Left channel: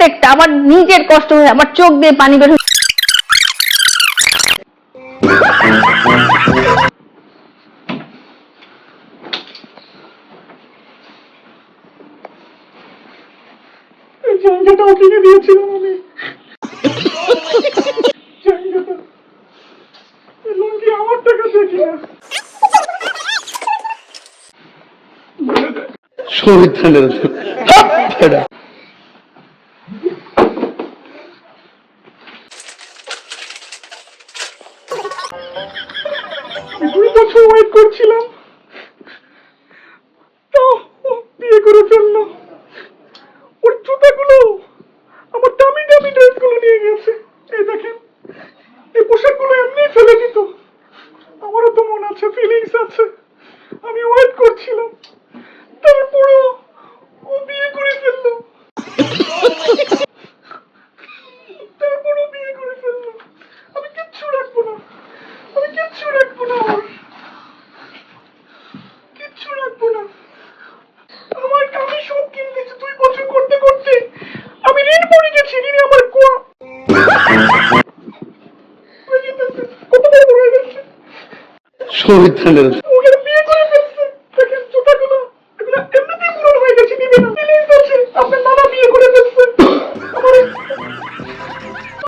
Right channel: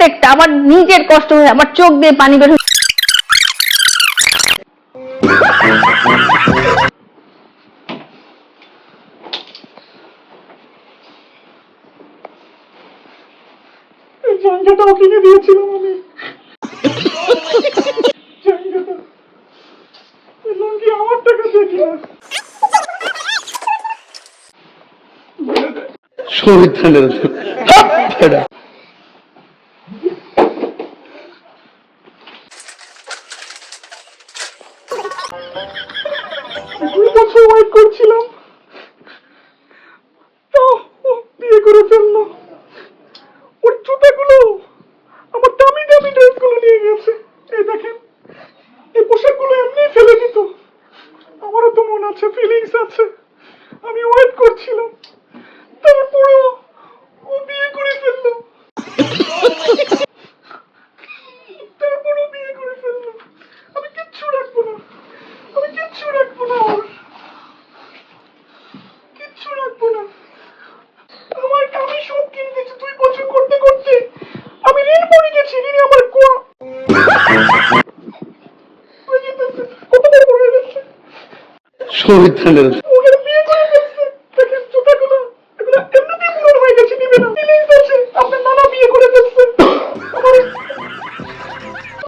প্রত্যেকটা আমার নিজের কষ্ট হয়ে আমার চোখ দিয়ে পানি বের হয়ে জায়গাটাও কিনে দিয়েছিলাম আমি। জায়গাটা লুঙ্গি আমার টাকা দিয়ে কিনা। শহীদানের দুই বছর ওয়েট করছিলাম, তাও ও বিয়ে করে ফেললো। ওর জুতাগুলো, আমার দামি দামি ড্রেসগুলো নিয়ে গেছে। এই দেখেন, এই পোশাকগুলো এমনি ফেলে দিত। আমারও তো মনে আছে, ফিলিংস আছে। আমি ওয়েট করছিলাম, তারপরও ও বিয়ে করে ফেললো। তারপরও বিয়ে করে ফেললো। আমি কিচ্ছু রাখবো না, আমি কিচ্ছু রাখবো না, ওর কিচ্ছু রাখবো না। আমার আমি সব কিনে দিয়েছি 2 বছর করতে করতে। আমি ঋণ পড়ে গেছি, ঋণে আমার কত বড় হয়ে গেছে। শহীদানের